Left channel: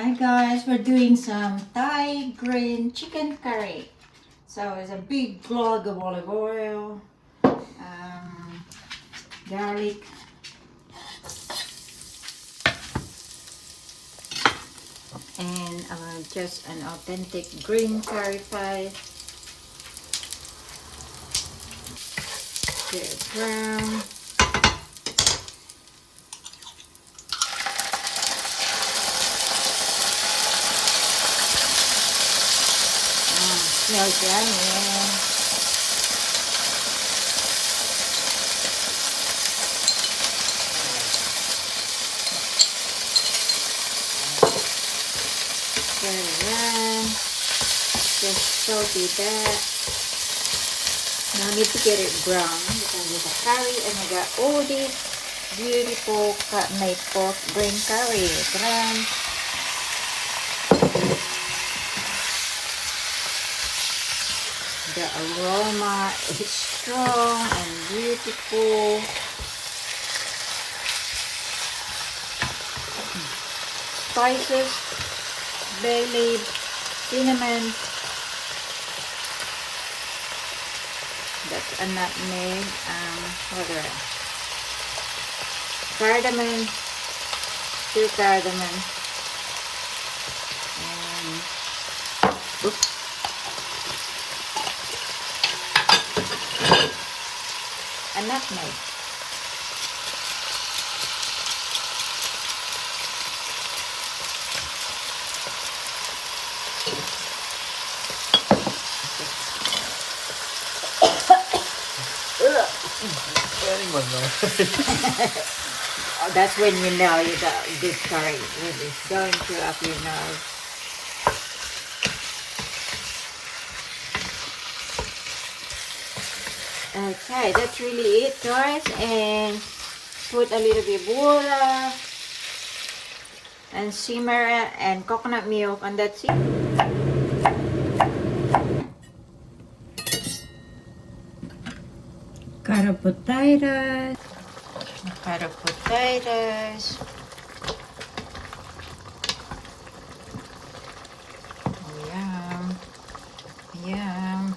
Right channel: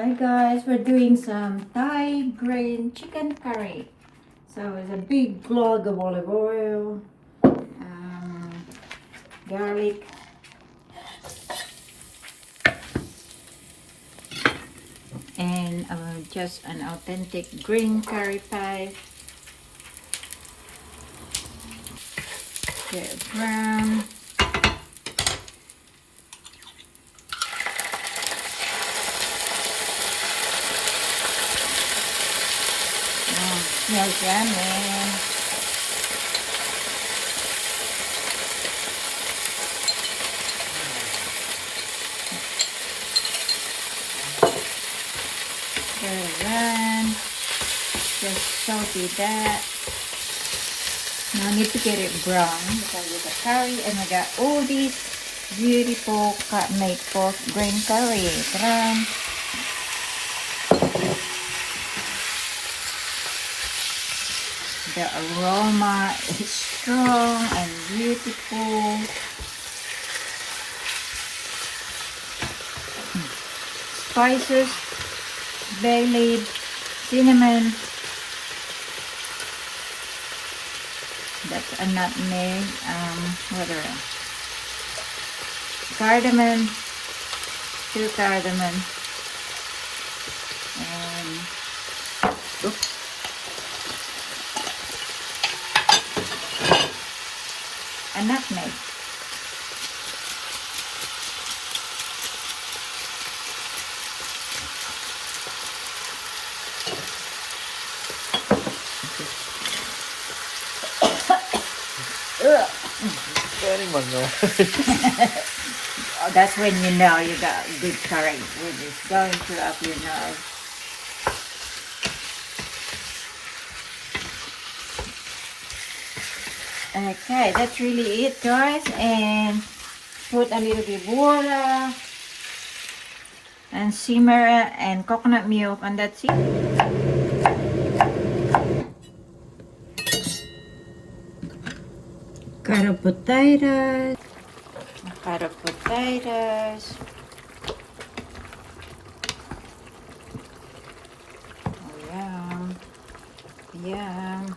Hi guys, we're doing some Thai green chicken curry. So it's a big log of olive oil, garlic, and just an authentic green curry pie. Get it brown. Smells yummy. Then just saute that. No need to get it brown because it's a curry and I got all these beautiful made pork green curry. Brown. The aroma is strong and beautiful. Spices, bay leaf, cinnamon. That's a nutmeg. What else? Cardamom, 2 cardamom. Oops. A nutmeg. Anyone know? Oh, that's when you know you got good curry. It's going throughout your nose. Okay, that's really it, guys. And put a little bit of water and simmer and coconut milk, and that's it. Cut up potatoes. Cut up potatoes. Oh, yum. Yum.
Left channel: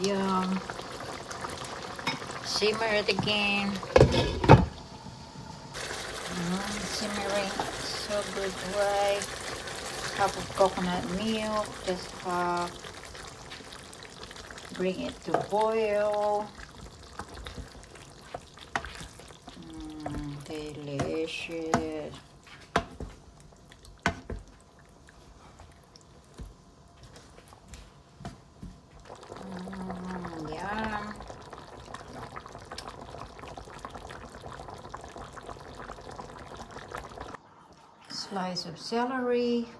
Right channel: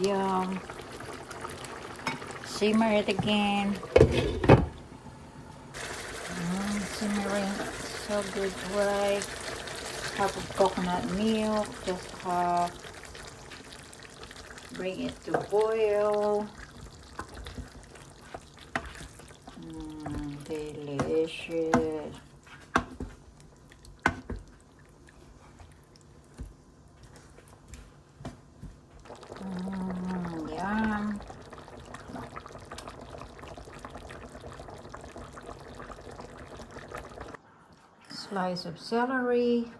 Yum. Simmer it again. Simmering so good way. Cup of coconut milk. Just bring it to boil. Delicious. Yum. Slice of celery.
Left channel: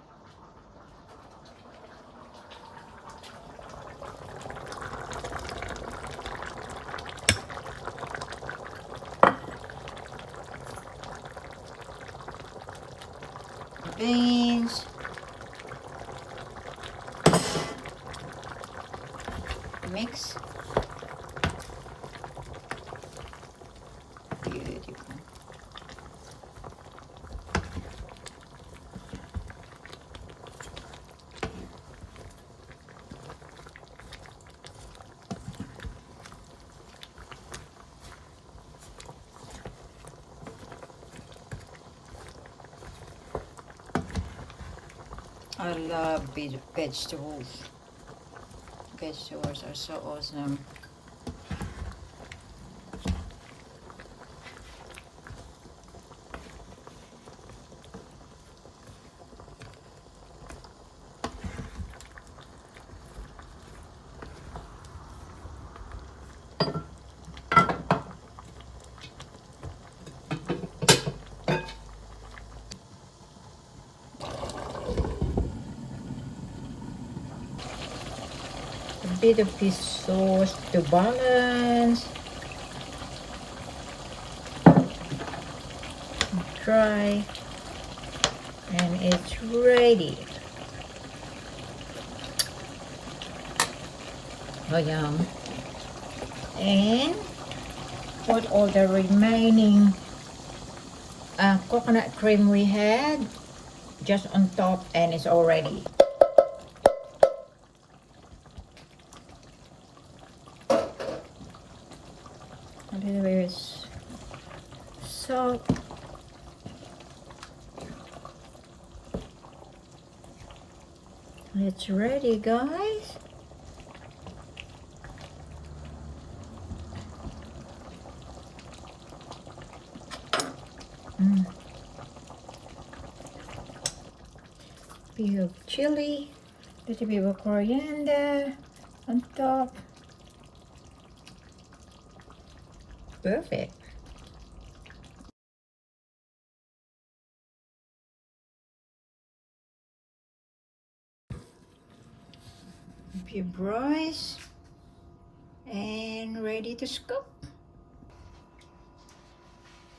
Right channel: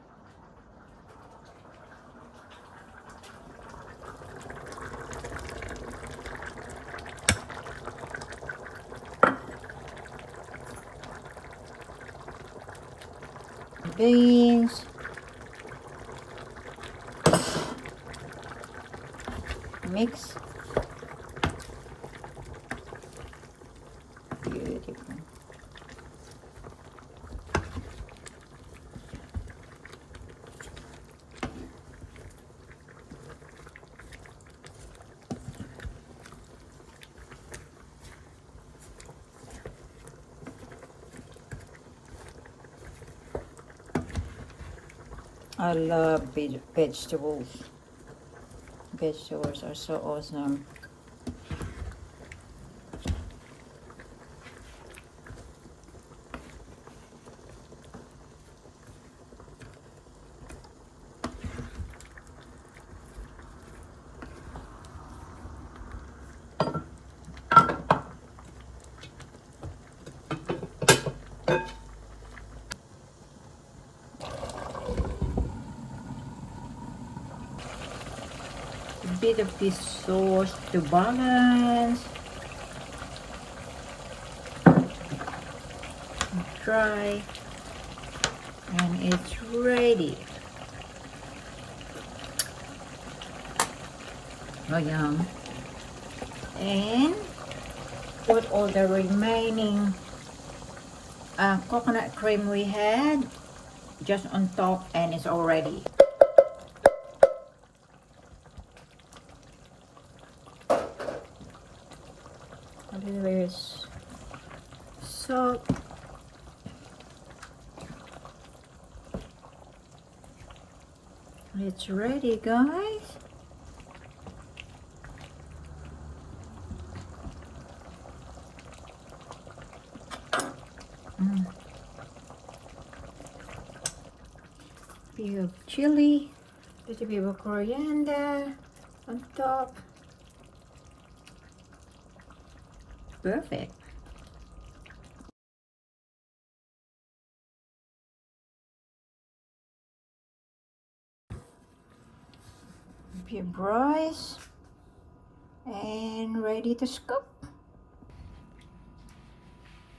Beans. Mix. Beautiful. I love vegetables. Vegetables are so awesome. A bit of this sauce to balance. Dry. And it's ready. Oh, yum. And put all the remaining coconut cream we had just on top, and it's all ready. A little bit of salt. It's ready, guys. Bit of chili, little bit of coriander on top. Perfect. Bit of rice and ready to scoop.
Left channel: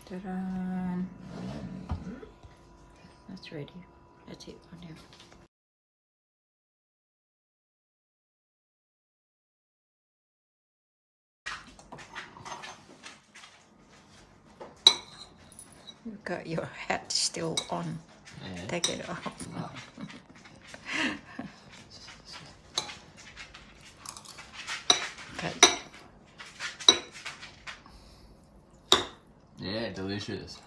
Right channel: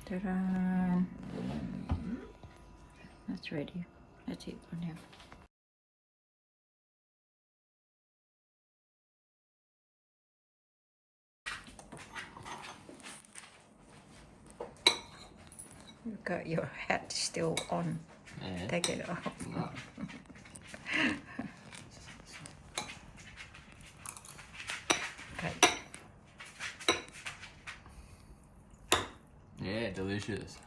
Ta-da! That's ready. That's it for now. You've got your hat still on. Yeah. Take it off. Cut. Yeah, delicious.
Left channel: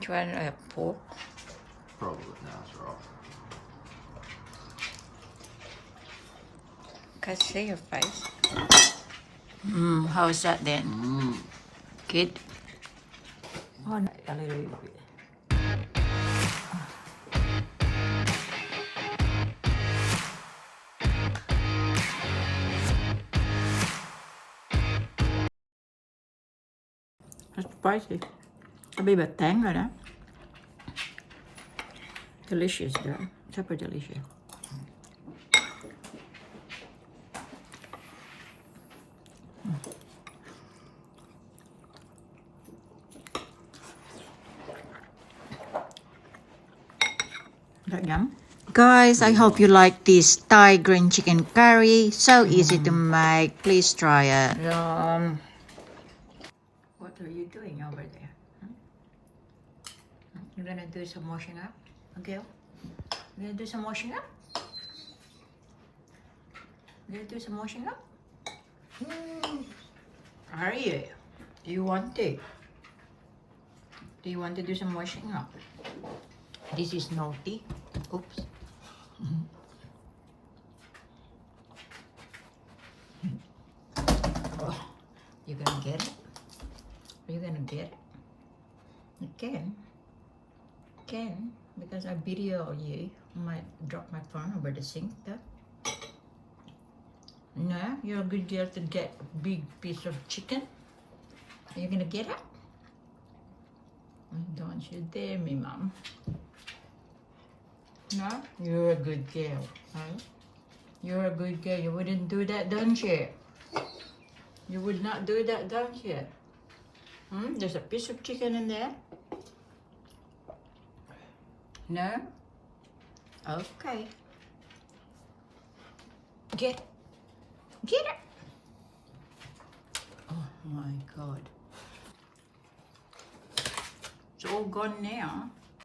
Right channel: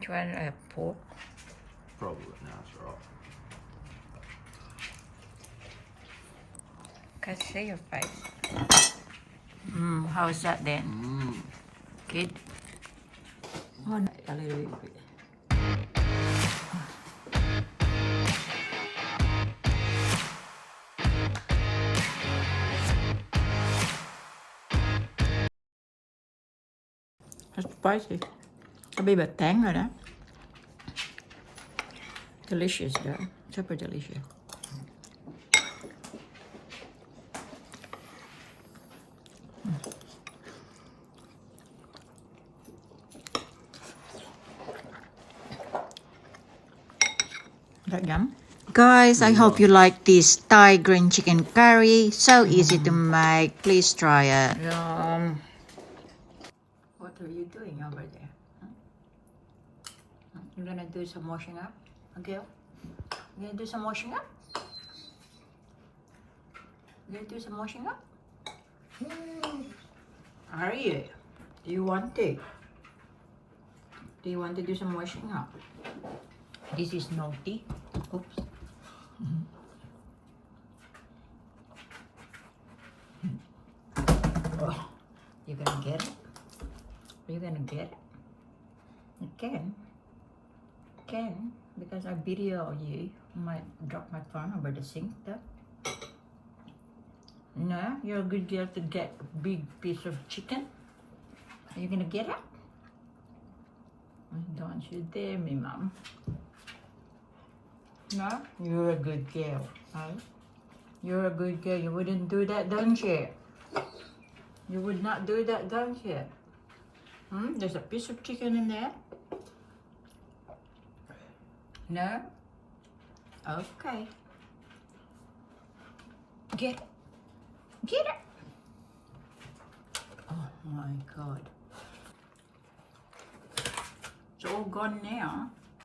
Do you want a pork? Probably now it's right. Can't see your face. How's that then? Good? Oh, no, a little bit. It's spicy. A bit of tang rồi đó. Delicious though. Super delicious. That yum. Guys, I hope you like this Thai green chicken curry. So easy to make. Please try it. Yum. What are you doing over there? You're gonna do some washing up? Okay. You gonna do some washing up? You gonna do some washing up? Are you? Do you want to? Do you want to do some washing up? This is naughty. Oops. Oh, you gonna get it? Are you gonna get it? You can. Can, because I video you. I might drop my phone over the sink though. No, you're a good girl to get a big piece of chicken. Are you gonna get it? Don't you dare me, Mom. No? You're a good girl, huh? You're a good girl. You wouldn't do that, don't you? You would not do that, don't you? There's a piece of chicken in there. No? Okay. Get it. Get it. Oh my God. It's all gone now.